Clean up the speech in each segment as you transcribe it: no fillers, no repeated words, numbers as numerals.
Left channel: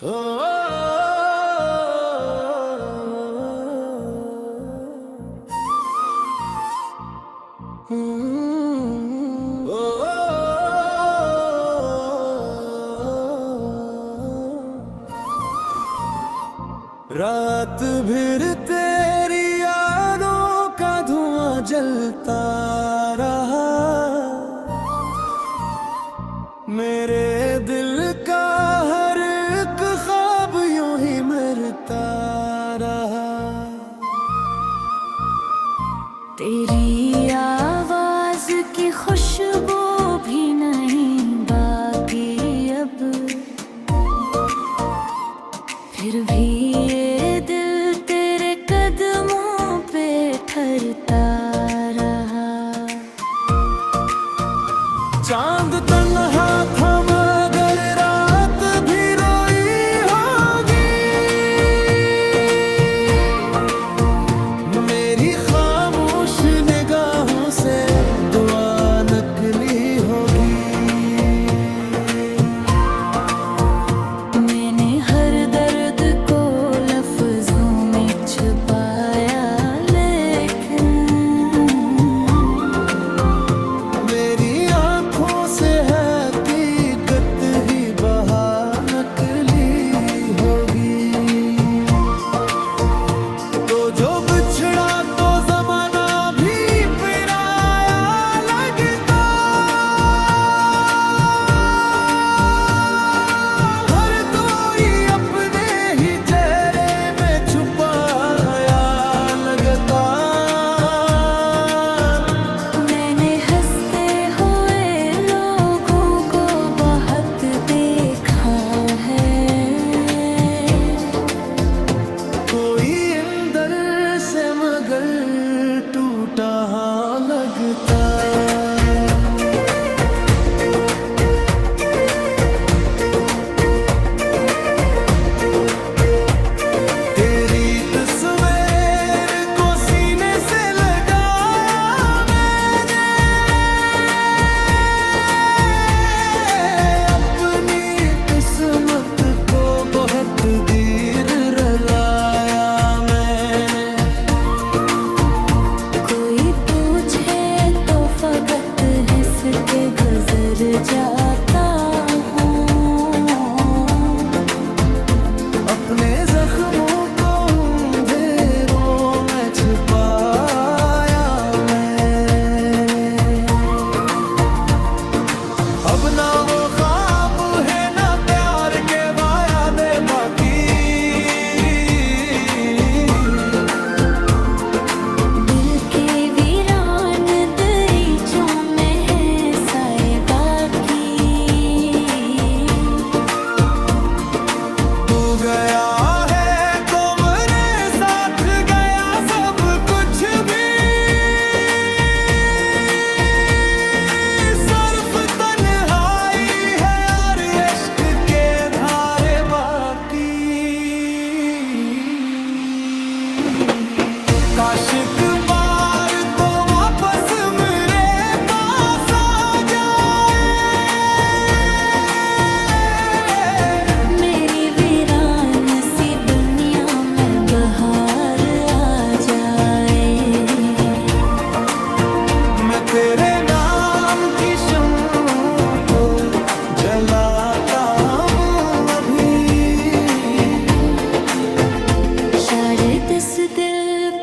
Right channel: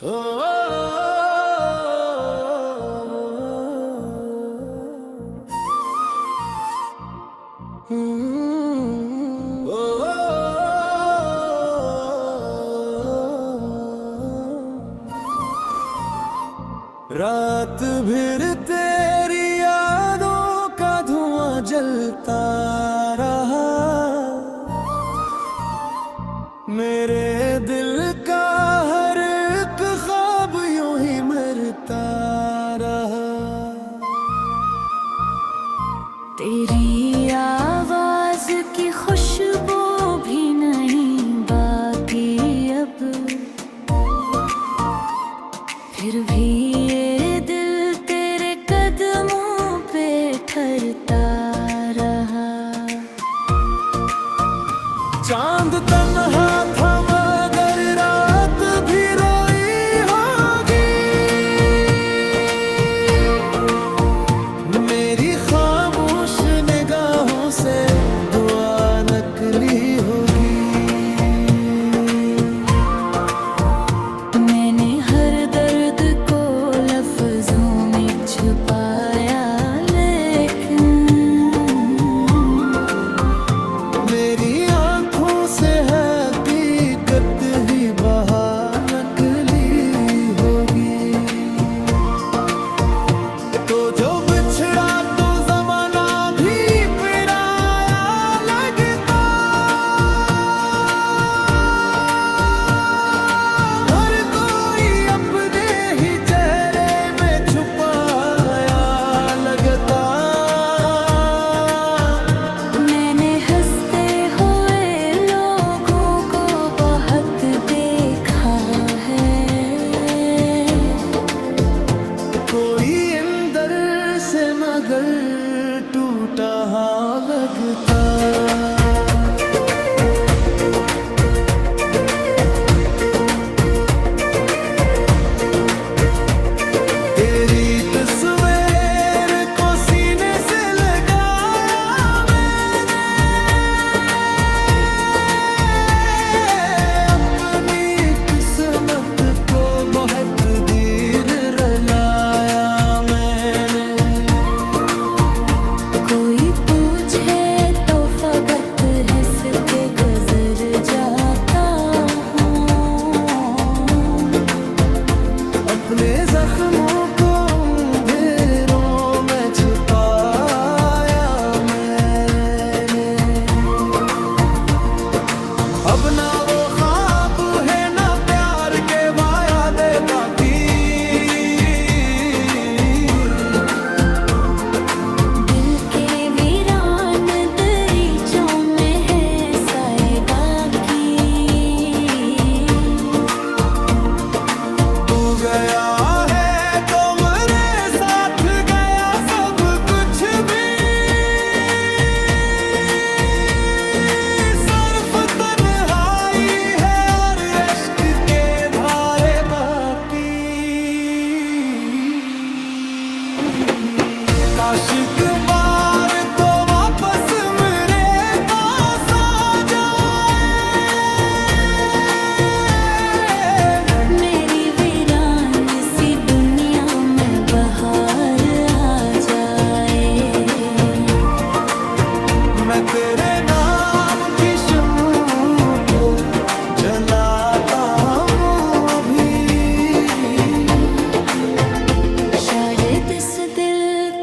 ओ, रात भर तेरी यादों का धुआं जलता रहा। मेरे दिल का हर एक ख्वाब यूं ही मरता रहा। तेरी आवाज की खुशबू भी नहीं बाकी अब, फिर भी ये दिल तेरे कदमों पे ठहरता रहा। चांद तन्हा था मगर रात भी रोई होगी। मेरी खामोश निगाहों से दुआ नकली होगी। मैंने हर दर्द को लफ्जों में छुपाया, लेकिन मेरी आंखों से हकीकत ही बहा नकली होगी। तो जो बिछड़ा तो जमाना भी पराया लगता। हर कोई अपने ही चेहरे में छुपाया लगता। मैंने हंसते हुए लोगों को बहुत देखा है। कोई अंदर से मगर टूटा हाँ लगता। तेरी तस्वीर को सीने से लगाया मैंने। अपनी किस्मत को बहुत देर रलाया मैंने। कोई पूछे तो फकत हंस के गुजर जाता हूँ। अपने जख्मों को अंधेरों में छिपाया मैंने। अब ना वो ख्वाब है ना प्यार के वादे बाकी। दिल के वीरान दरीचों में है साए बाकी। तू गया है तो मेरे साथ गया सब कुछ भी। सिर्फ तन्हाई है और इश्क के धारे बाकी। काश एक बार तो वापस मेरे पास आ जाए। मेरी वीरान सी दुनिया में बहार आ जाए। मैं तेरे नाम की शम्म को जलाता हूँ अभी। शायद इस दिल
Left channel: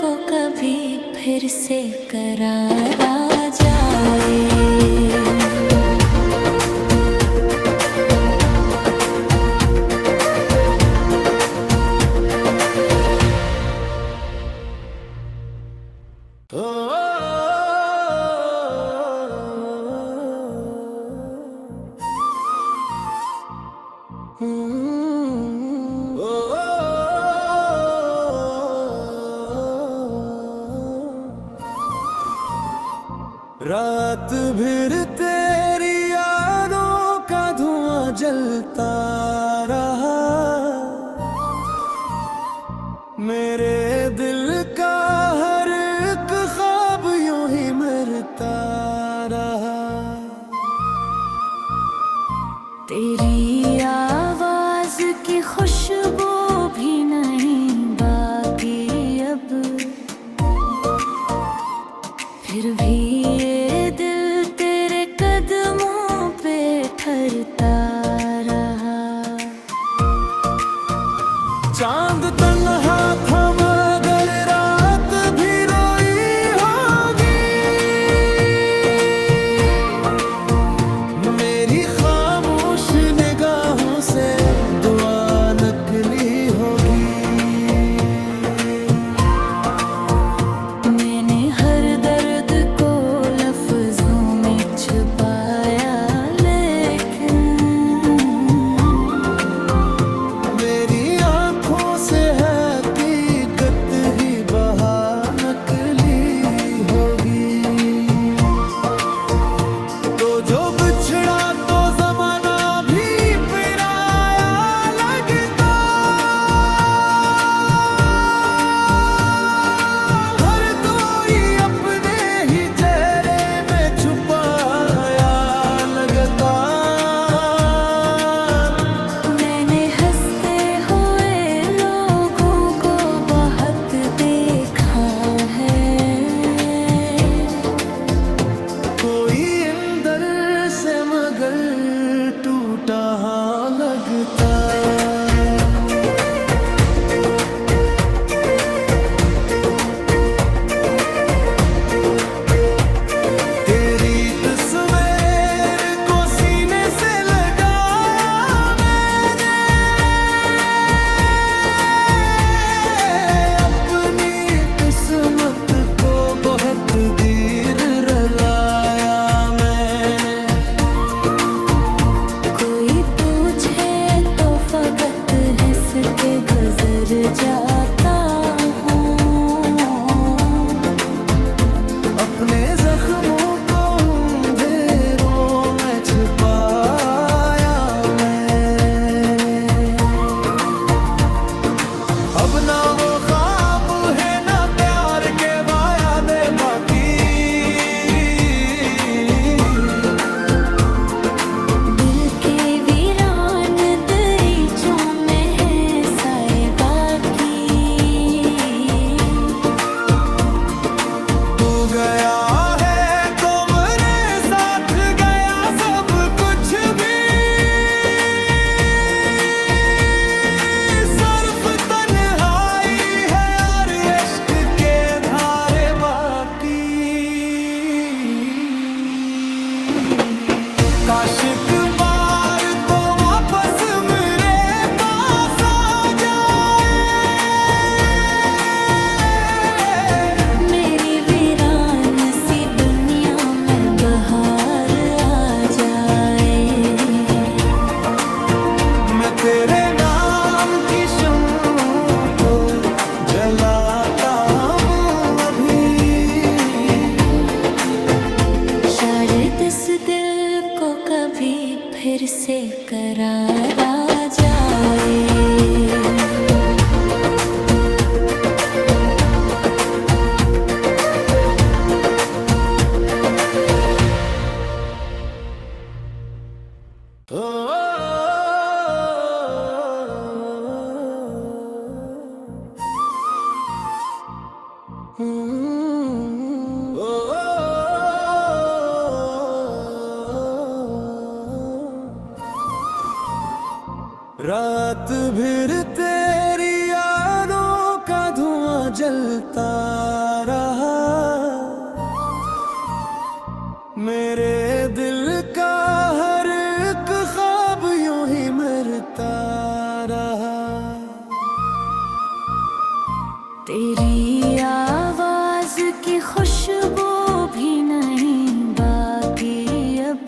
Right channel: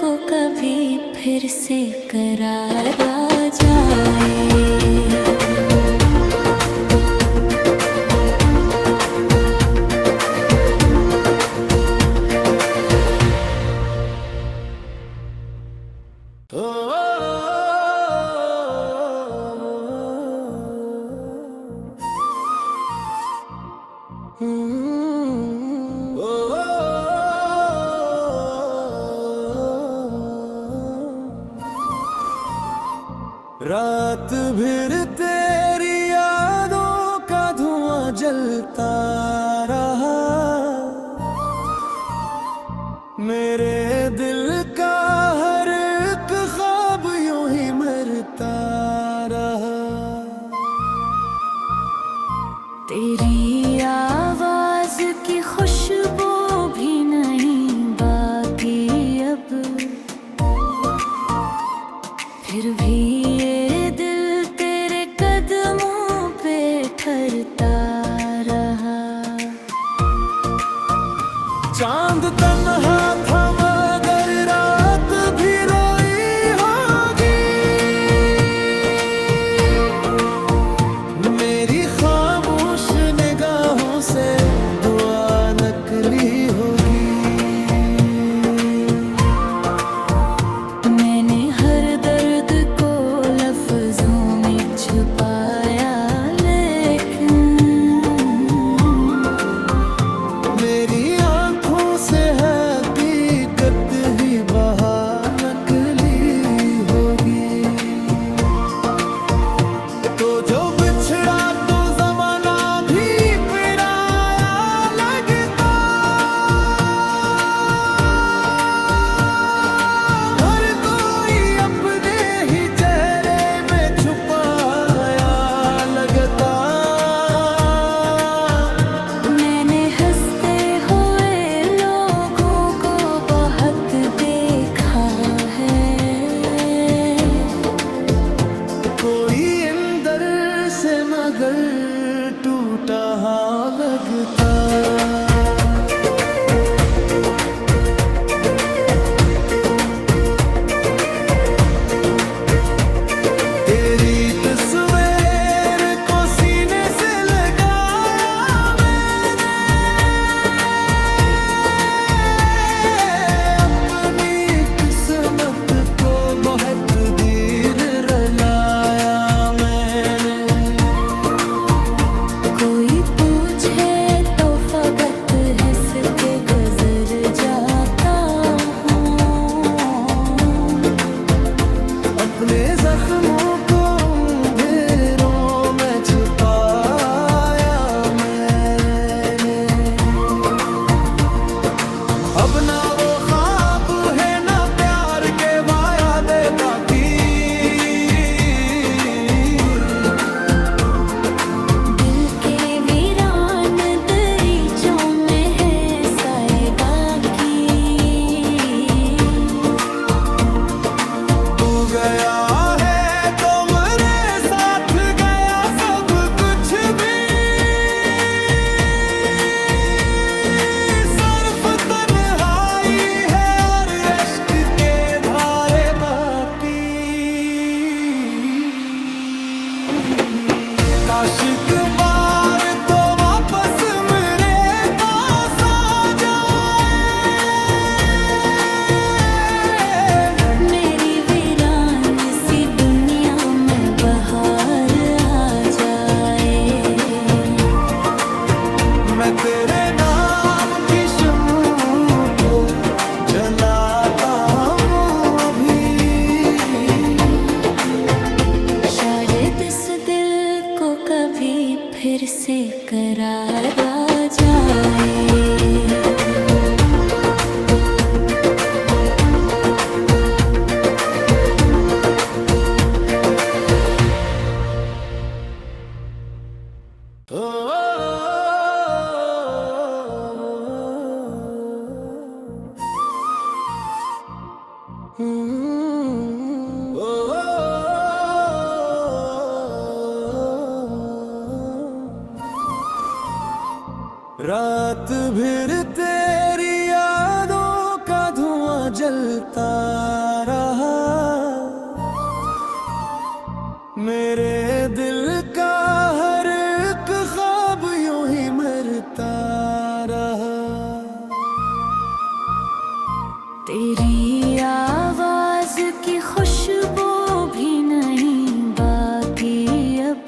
को कभी फिर से करार आ जाए। ओ, रात भर तेरी यादों का धुआं जलता रहा। मेरे दिल का हर एक ख्वाब यूं ही मरता रहा। तेरी आवाज की खुश खुशबू भी नहीं बाकी अब। फिर भी ये दिल तेरे कदमों पे ठहरता रहा। चांद तन्हा था मगर रात भी रोई होगी। मेरी खामोश निगाहों से दुआ नकली होगी। मैंने हर दर्द को लफ्जों में छुपाया, लेकिन मेरी आंखों से हकीकत ही बहा नकली होगी। तो जो बिछड़ा तो जमाना भी पराया लगता। हर कोई अपने ही चेहरे में छुपाया लगता। मैंने हंसते हुए लोगों को बहुत देखा है। कोई अंदर से मगर टूटा लगता। तेरी तस्वीर को सीने से लगाया मैंने। अपनी किस्मत को बहुत देर रलाया मैंने। कोई पूछे तो फकत हंस के गुजर जाता हूँ। अपने जख्मों को अंधेरों में छुपाया मैंने। अब ना वो ख्वाब है ना प्यार के वादे बाकी। दिल के वीरान दरीचों में है साए बाकी। तू गया है तो मेरे साथ गया सब कुछ भी। सिर्फ तन्हाई है और इश्क के धारे बाकी। काश एक बार तो वापस मेरे पास आ जाए। मेरी वीरान सी दुनिया में बहार आ जाए। मैं तेरे नाम की शम्म को जलाता हूँ अभी। शायद इस दिल को कभी फिर से करार आ जाए। रात भर तेरी यादों का धुआं जलता रहा। मेरे दिल का हर एक ख्वाब यूं ही मरता रहा। तेरी आवाज की खुशबू भी नहीं बाकी अब।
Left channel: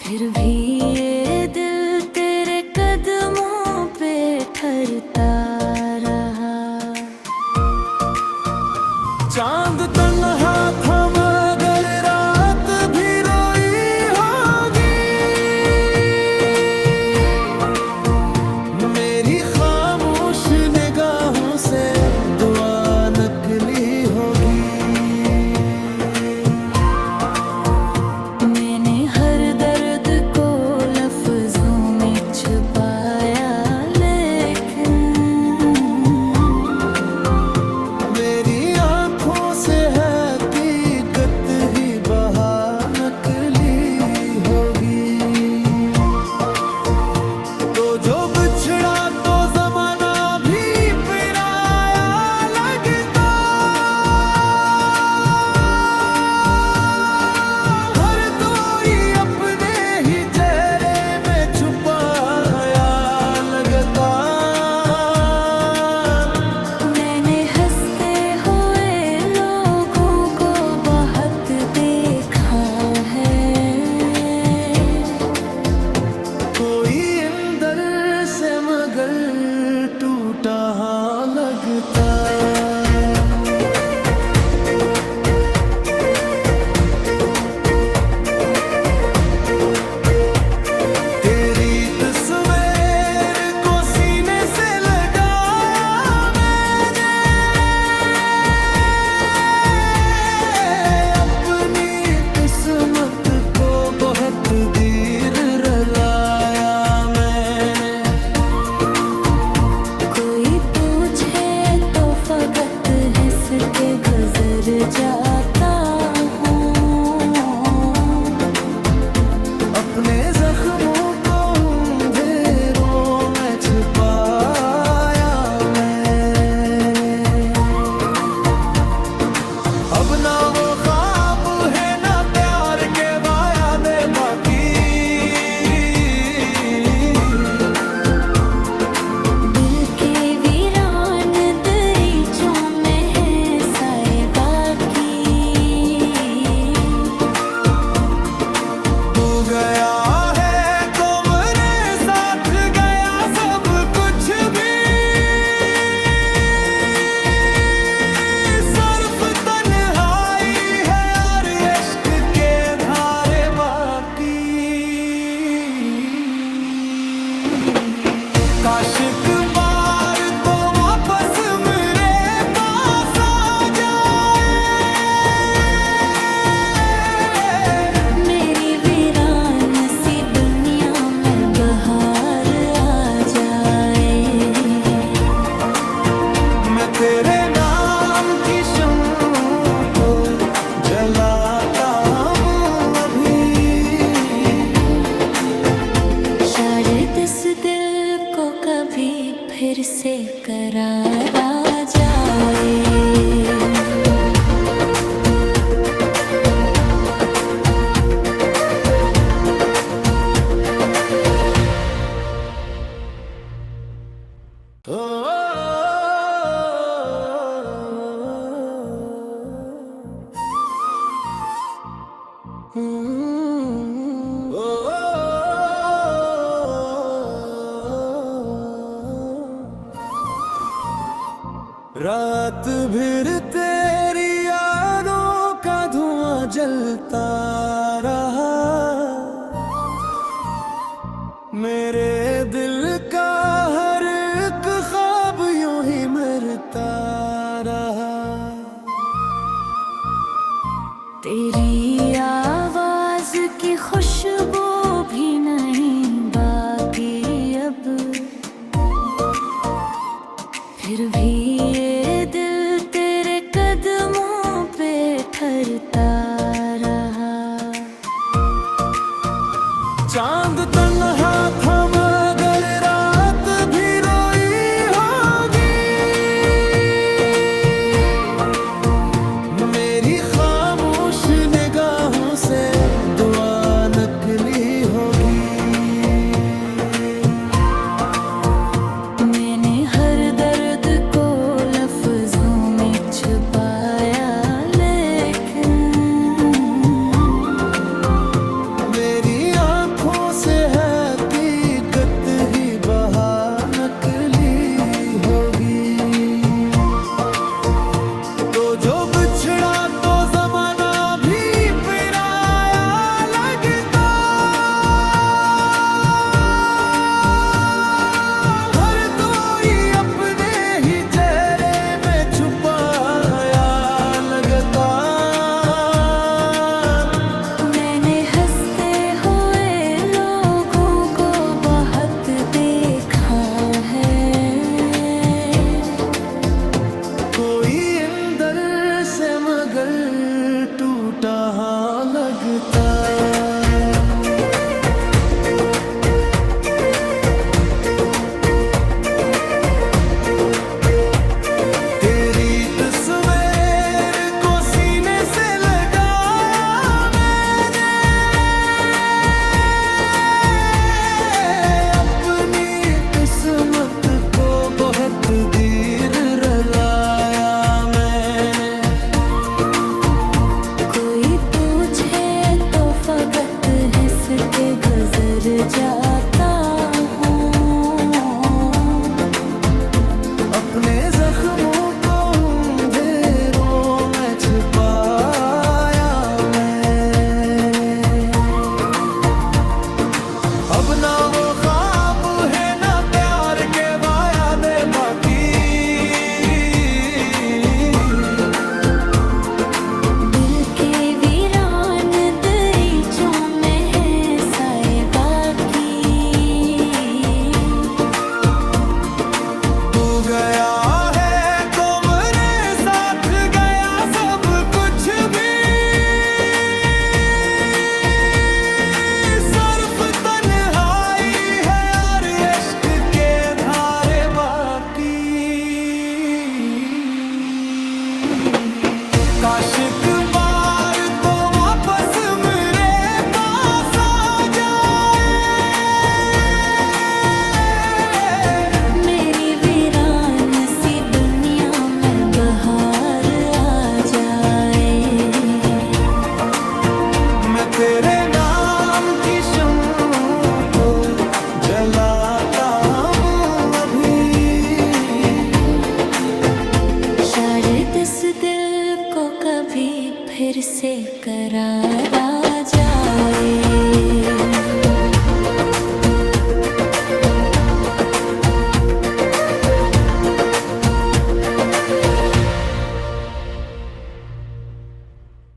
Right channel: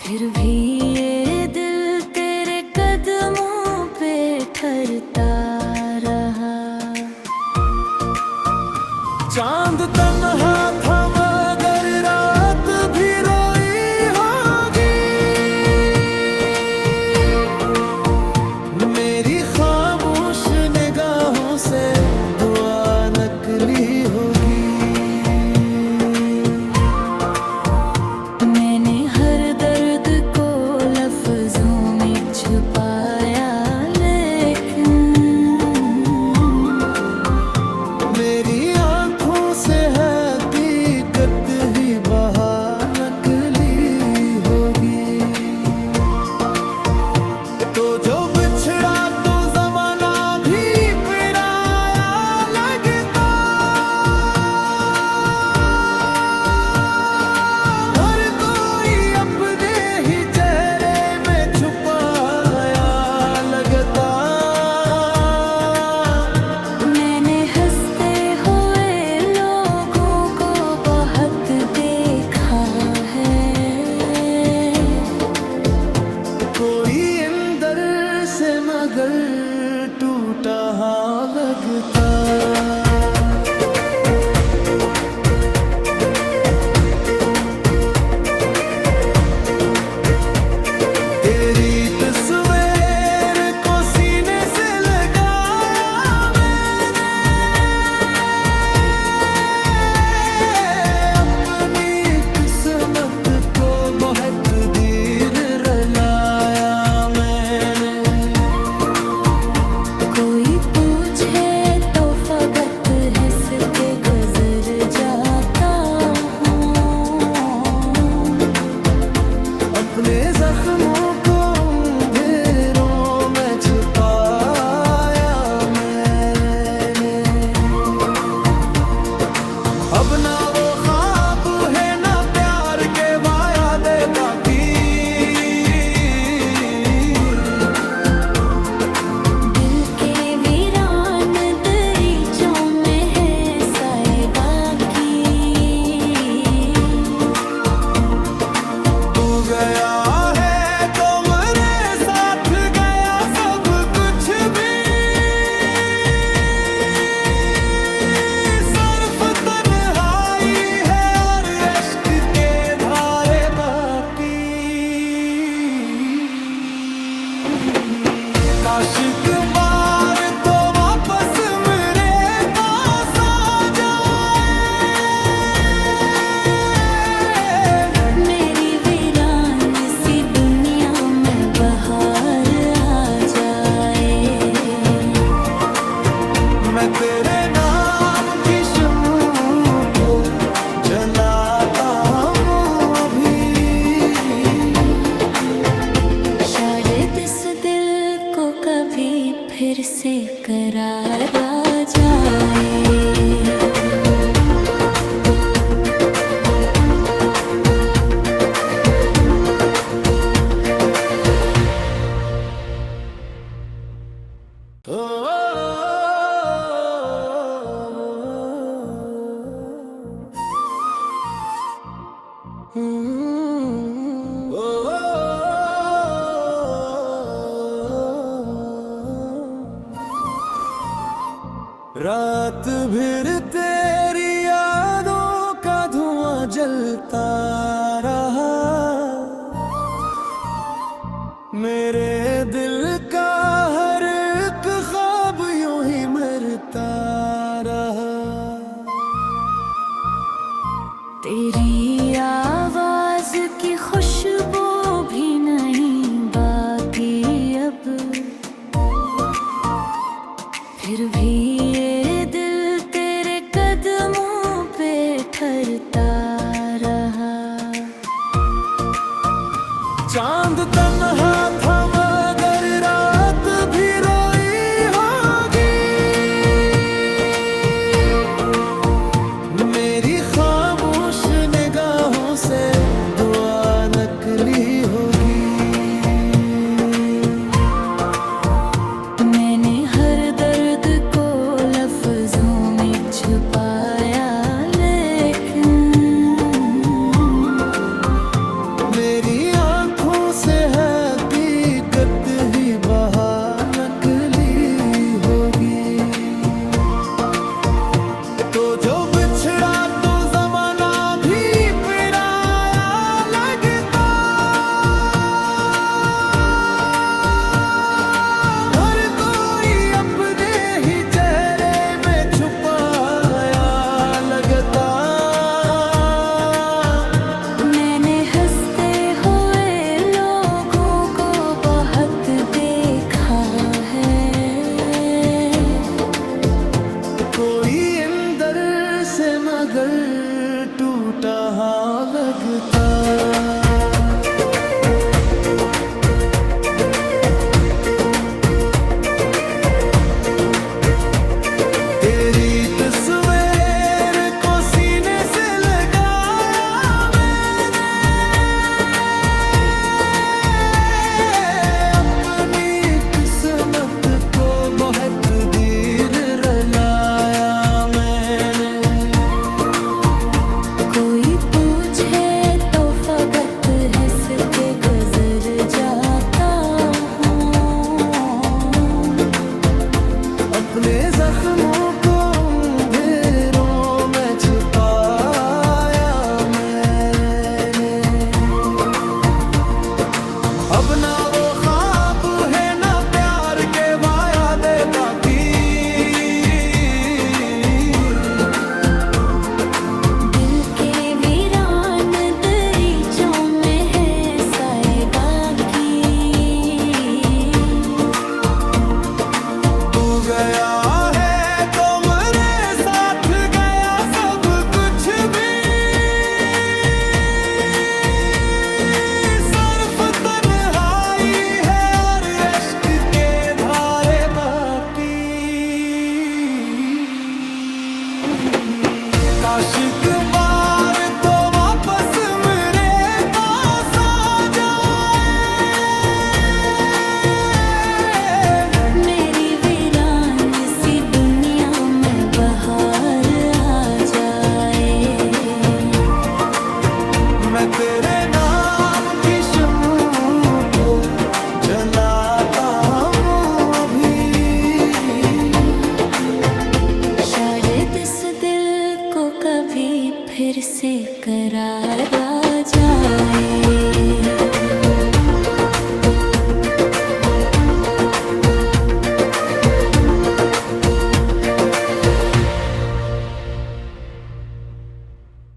फिर भी ये दिल तेरे कदमों पे ठहरता रहा। चांद तन्हा था मगर रात भी रोई होगी। मेरी खामोश निगाहों से दुआ नकली होगी। मैंने हर दर्द को लफ्जों में से मगर टूटा हाँ लगता। तेरी तस्वीर को सीने से लगाया मैंने, अपनी किस्मत को बहुत देर रलाया मैंने। कोई पूछे तो फकत हंस के गुजर जाता हूँ। अपने जख्मों को अंधेरों में छिपाया मैंने। अब ना वो ख्वाब है ना प्यार के वादे बाकी, दिल के वीरान दरीचों में है साए बाकी। तू गया है तो मेरे साथ गया सब कुछ भी, सिर्फ तन्हाई है और इश्क के धारे बाकी। काश एक बार तो वापस मेरे पास आ जाए, मेरी वीरान सी दुनिया में बहार आ जाए। मैं तेरे नाम की शम्म को जलाता हूँ अभी। शायद इस दिल को कभी फिर से करार आ जाए। रात भर तेरी यादों का धुआं जलता रहा, मेरे दिल का हर एक ख्वाब यूं ही मरता रहा। तेरी आवाज की खुशबू भी नहीं बाकी अब, फिर भी ये दिल तेरे कदमों पे ठहरता रहा। चांद तन्हा था मगर रात भी रोई होगी, मेरी खामोश निगाहों से दुआ नकली होगी। मैंने हर दर्द को काश एक बार तो वापस मेरे पास आ जाए, मेरी वीरान सी दुनिया में बहार आ जाए। मैं तेरे नाम की शम्म को जलाता हूँ अभी, शायद इस दिल को कभी फिर से करार आ जाए।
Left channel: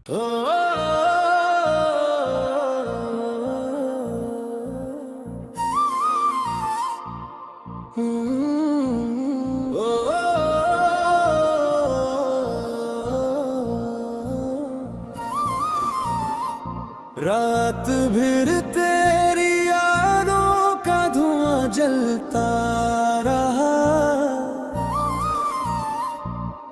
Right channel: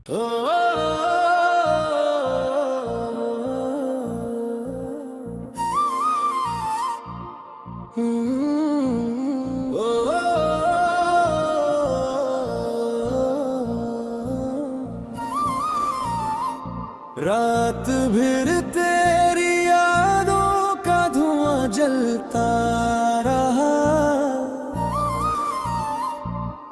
ओ, रात भर तेरी यादों का धुआं जलता रहा,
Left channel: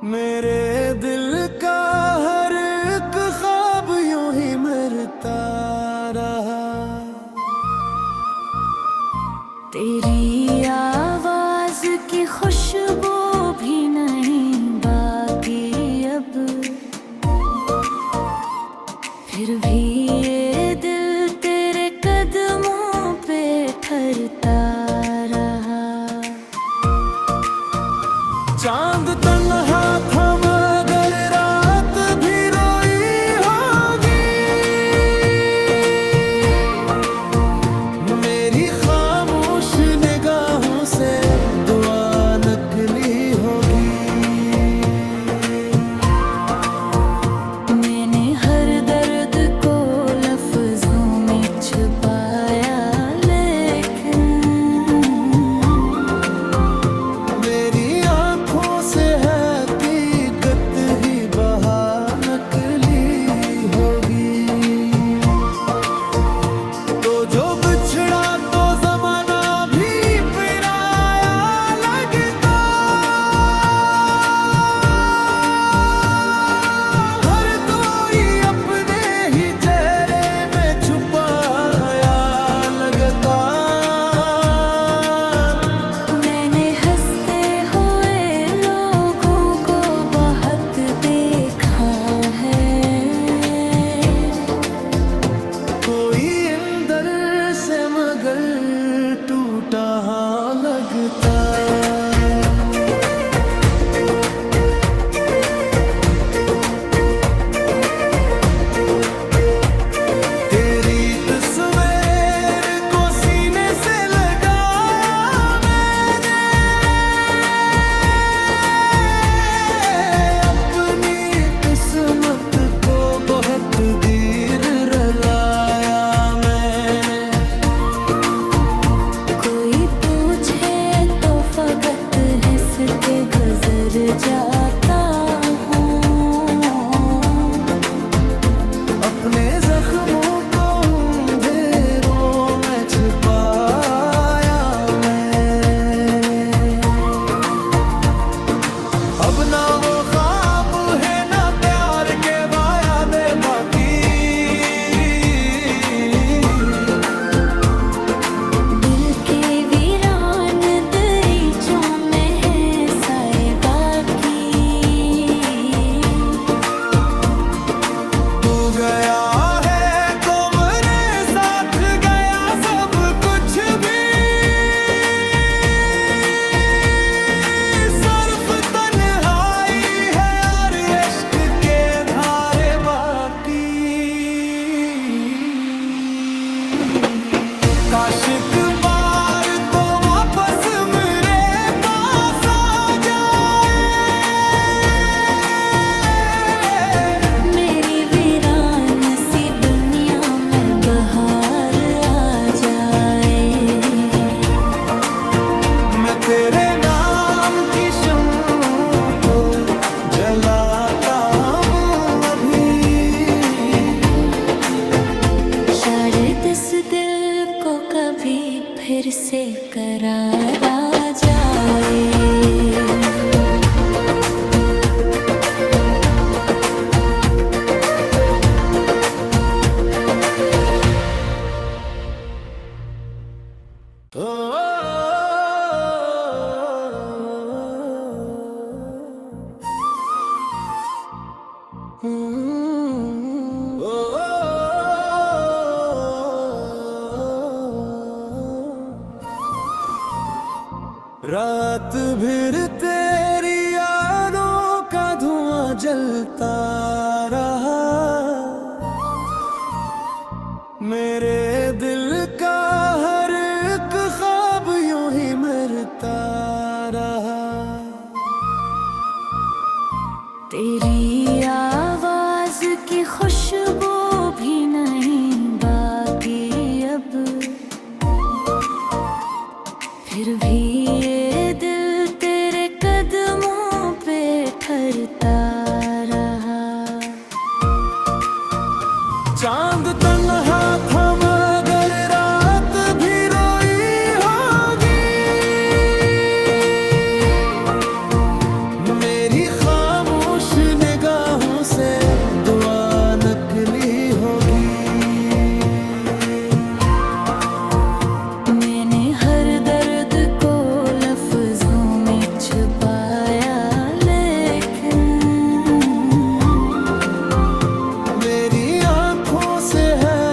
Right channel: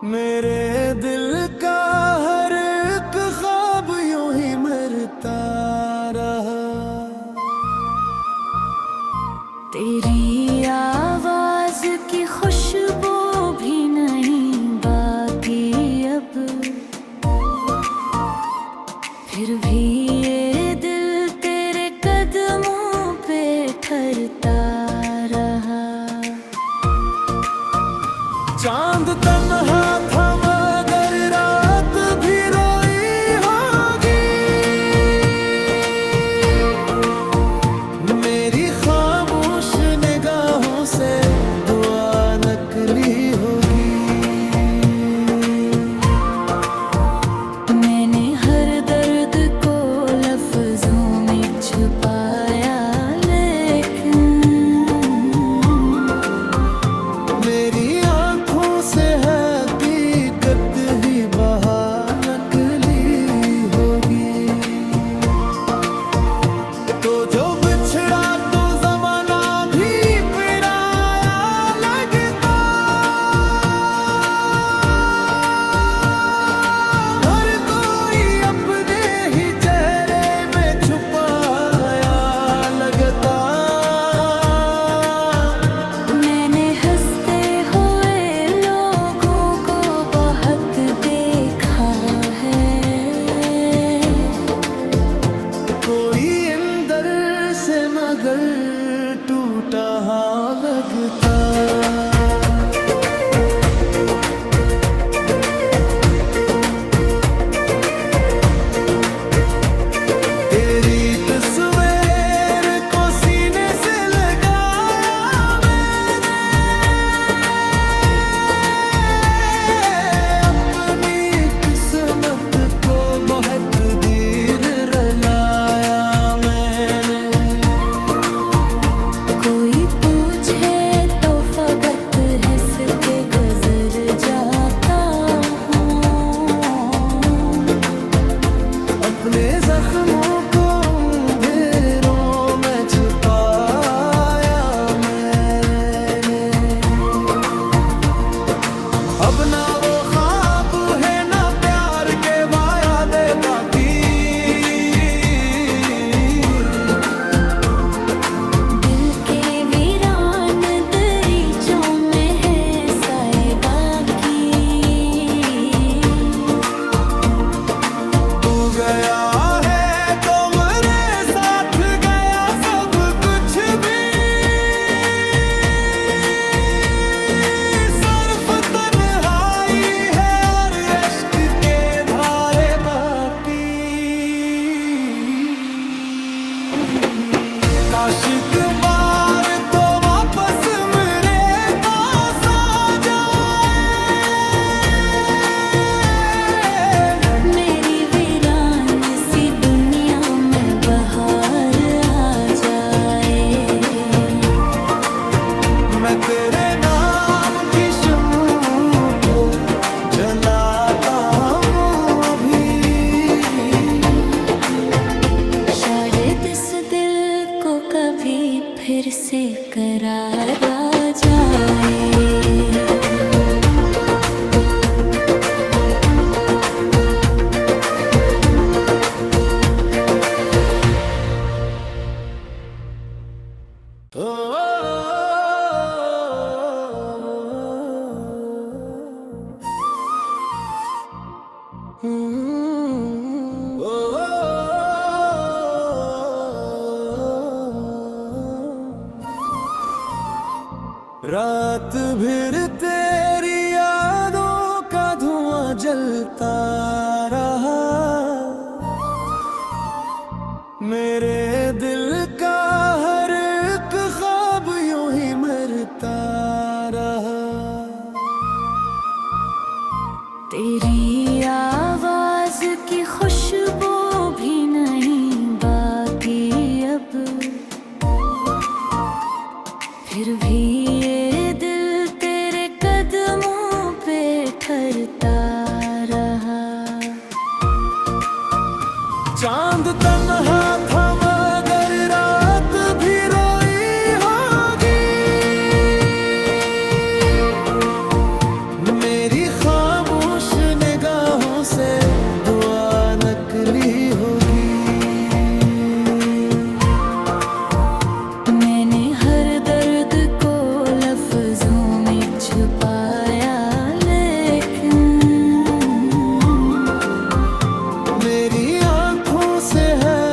मेरे दिल का हर एक ख्वाब यूं ही मरता रहा। तेरी आवाज की खुशबू भी नहीं बाकी अब, फिर भी ये दिल तेरे कदमों पे ठहरता रहा। चांद तन्हा था मगर रात भी रोई होगी, मेरी खामोश निगाहों से दुआ नकली होगी। मैंने हर दर्द को लफ्जों में छुपाया, लेकिन मेरी आंखों से हकीकत ही बहा नकली होगी। तो जो बिछड़ा तो जमाना भी पराया लगता, हर कोई अपने ही चेहरे में छुपाया लगता। मैंने हंसते हुए लोगों को बहुत देखा है, कोई अंदर से मगर टूटा हाँ लगता। तेरी तस्वीर को सीने से लगाया मैंने, अपनी किस्मत को बहुत देर रलाया मैंने। कोई पूछे तो फकत हंस के गुजर जाता हूँ, अपने जख्मों को अंधेरों में छुपाया मैंने। अब ना वो ख्वाब है ना प्यार के वादे बाकी, दिल के वीरान दरीचों में है साए बाकी। तू गया है तो मेरे साथ गया सब कुछ भी, सिर्फ तन्हाई है और इश्क के धारे बाकी। काश एक बार तो वापस मेरे पास आ जाए, मेरी वीरान सी दुनिया में बहार आ जाए। मैं तेरे नाम की शम्म को जलाता हूँ अभी, शायद इस दिल को कभी फिर से करार आ जाए। रात भर तेरी यादों का धुआं जलता रहा, मेरे दिल का हर एक ख्वाब यूं ही मरता रहा। तेरी आवाज की खुशबू भी नहीं बाकी अब, फिर भी ये दिल तेरे कदमों पे ठहरता रहा। चांद तन्हा था मगर रात भी रोई होगी, मेरी खामोश निगाहों से दुआ नकली होगी। मैंने हर दर्द को लफ्जों में छुपाया, लेकिन मेरी आंखों से है